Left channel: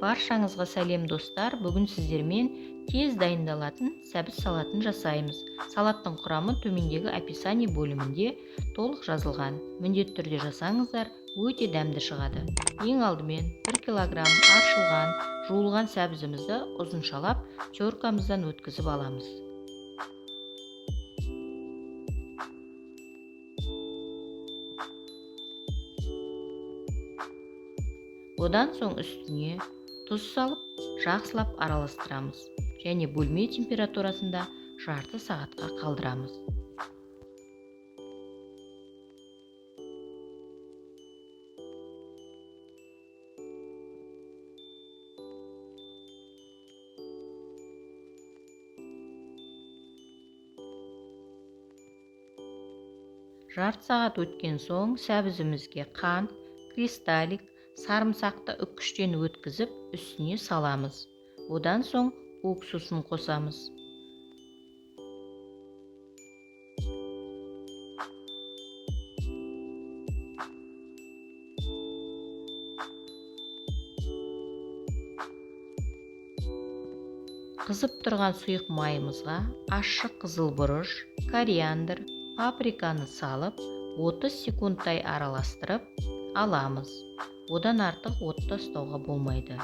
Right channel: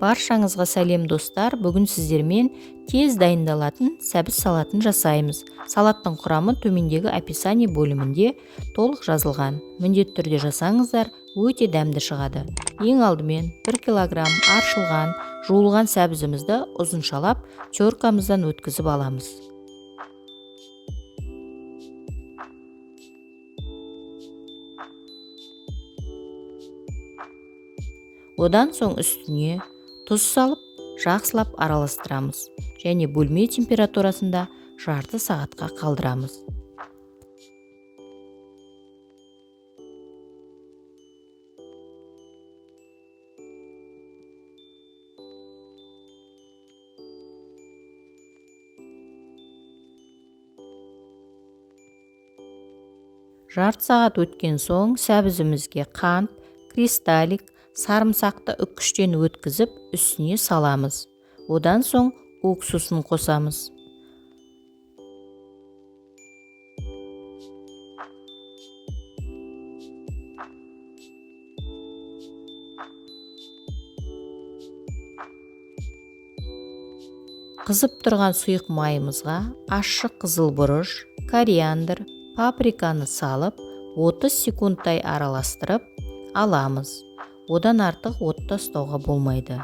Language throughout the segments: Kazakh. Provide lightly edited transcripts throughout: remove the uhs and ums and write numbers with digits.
Баршаңызға сәлем достар. Бүгін сіздермен тез дайындалатын сәбіз салатын жасаймыз. Салаттың құрамы төмендегі описание бөлімінде толық жазылған. Міндетті түрде жасаңыздар, өте дәмді шығады. Ең алдымен 1 килограмм аршылған, жуылған сәбізімізді ұзыншалап теркамыздан өткізіп аламыз. Одан соң үстіне тұз салып, жақсылап араластырамыз және бөлме температурасында жарты сағатқа қалдырамыз. Жарты сағат өткен соң сәбізімізге қант, кристаллик, сарымсақты үккіштен өткізіп үстіне саламыз. Одан соң уксусын қосамыз. Қызып тұрған сұйық майымызға ащы қызыл бұрыш, кориандр, паприканы салып 30 секундтай араластырып аламыз. Одан артық отта ұстауға болмайды.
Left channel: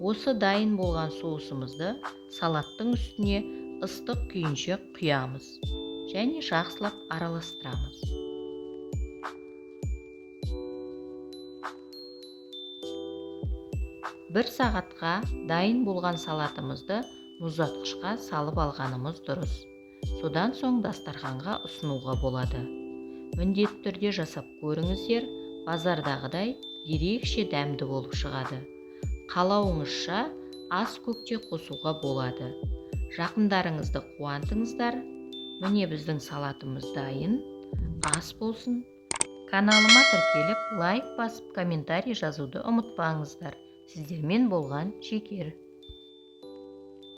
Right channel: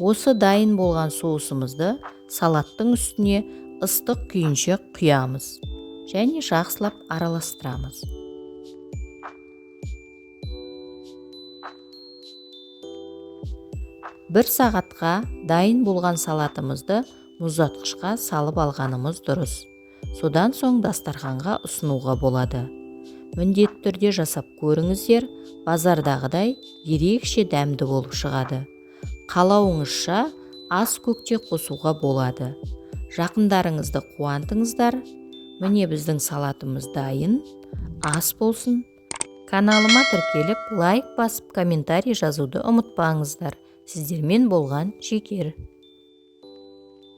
Осы дайын болған соусымызды салаттың үстіне ыстық күйінше құямыз және жақсылап араластырамыз. Бір сағатқа дайын болған салатымызды мұздатқышқа салып алғанымыз дұрыс. Содан соң дастарханға ұсынуға болады. Міндетті түрде жасап көріңіздер, базардағыдай ерекше дәмді болып шығады. Қалауыңызша ас көкте қосуға болады. Жақындарыңызды қуантыңыздар. Міне біздің салатымыз дайын. Ас болсын. Каналыма тіркеліп, лайк басып, комментарий жазуды ұмытпаңыздар. Сіздермен болған Шекер.